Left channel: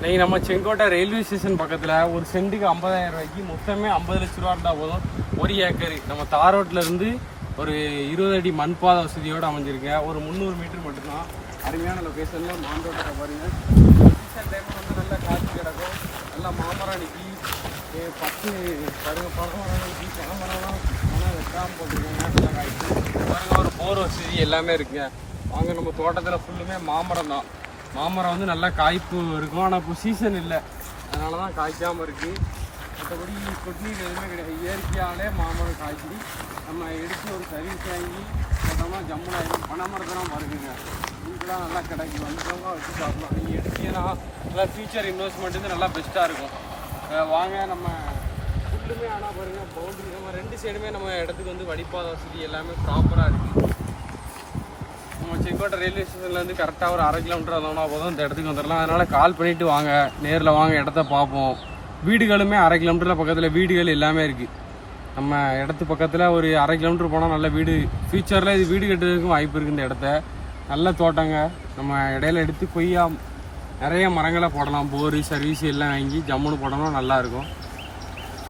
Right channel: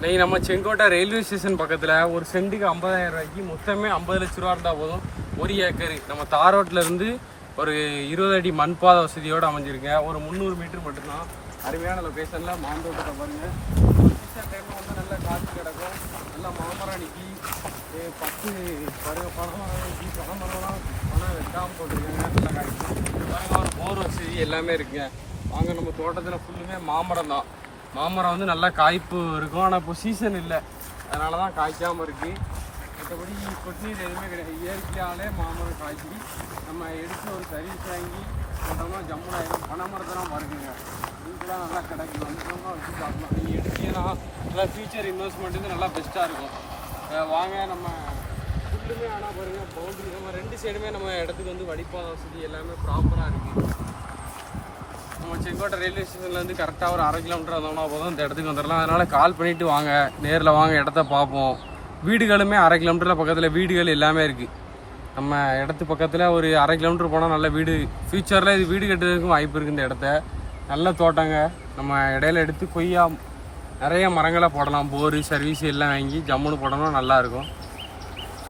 இன்னைக்கு நம்ம Sengottai railway station பக்கத்தில் ஒரு சென்ட்டுக்கு 50,000 ரூபாய்க்கு மொத்தமே 50 லட்ச ரூபா இருந்தால் போதும். 1 ஏக்கர் நம்ம தார் ரோட்டில் இருந்து ஒரு 20 அடி மண் பாதை வசதியோடு அமைஞ்சிருக்கேன். ஒரு 300 மீட்டர் மட்டும்தான். அருமையான லொக்கேஷனில் மாந்தோட்டத்தை பாருங்கள். சீசன் டைமில் வந்து நல்லா காற்று கிடக்கும். நல்லா மாமரம் நிற்கி 10 பாருங்கள், பனைமரம் நிற்கி பனைமரம்லாம் பணம் வெட்டாமல் போட்டிருக்காங்க. நல்லா காய்ச்சி பாருங்கள். ஒரு போர் வசதி எல்லாமே இருக்குங்க. வாங்க, நம்ம தோட்டத்தில் ஃபுல்லுமே மாமரம் தான். மாமரம் வந்து நல்லா காய்ப்பு இருக்கும். ஆனால் இப்போ சீசன் இல்லை, அதனால தான் காய்க்காமல் இருக்குது. மற்றபடி கொட்நீர் எதுவுமே கிடையாது. இயற்கையாலே மாமரம் காய்ச்சி நம்ம எடுத்து ஒரு சர்வீஸ் வாங்கி போட்டோம்னா ஜம்முன் ஆகிடும். பனைமரத்தெல்லாம் பாருக்குங்க, இதுக்கெல்லாம் நல்லா கிடைக்கும். வந்துட்டவங்க வச்சு சாப்பிடலாம். நீங்கள் எடுத்தீங்கன்னா நல்லா ஃபியூச்சர் இன்வெஸ்ட்மெண்ட் வந்து நல்லா பெஸ்ட்டாக இருக்கும். வாங்க, நம்ம ஃபுல்லுமே ஆனால் பாருங்கள் பவுண்டரி நம்ம 2 சைடுமே நம்ம இடத்துக்கு வந்து வடிப்பாத வசதி எல்லாமே ப்ராப்பராக இருக்குது. நம்ம செங்கோட்டை ரயில்வே ஸ்டேஷன்லேருந்து கரெக்டாக ஒரு 1/2 கிலோமீட்டர் வந்தோம்னா போதும் இந்த இடத்துக்கு வந்துடலாம். அதனால் கால் பண்ணிவிட்டு வாங்க, நேரில் வாங்க, இடத்த பார்ப்போம். வீடுகளுமே 1/2 கிலோமீட்டரில் பக்கத்தில் வீடுகள் எல்லாமே இருக்குது. நம்ம இடத்து பக்கத்தில் ஒரு 1/2 கிலோமீட்டர் போனால் நல்ல வீடு, ஃப்யூச்சரில் இது வீடு கட்டுறதுக்கும் வாய்ப்பு இருக்குது. இந்த இடத்த நல்ல தோட்டங்க. நம்ம இடையில எடுத்து கொய்யா நிறைய மரங்களை போடலாம். போரு சர்வீஸ் எல்லாம் வாங்கி ஜம்முன்னு போட்டோம்னா நல்லாயிருக்கும்.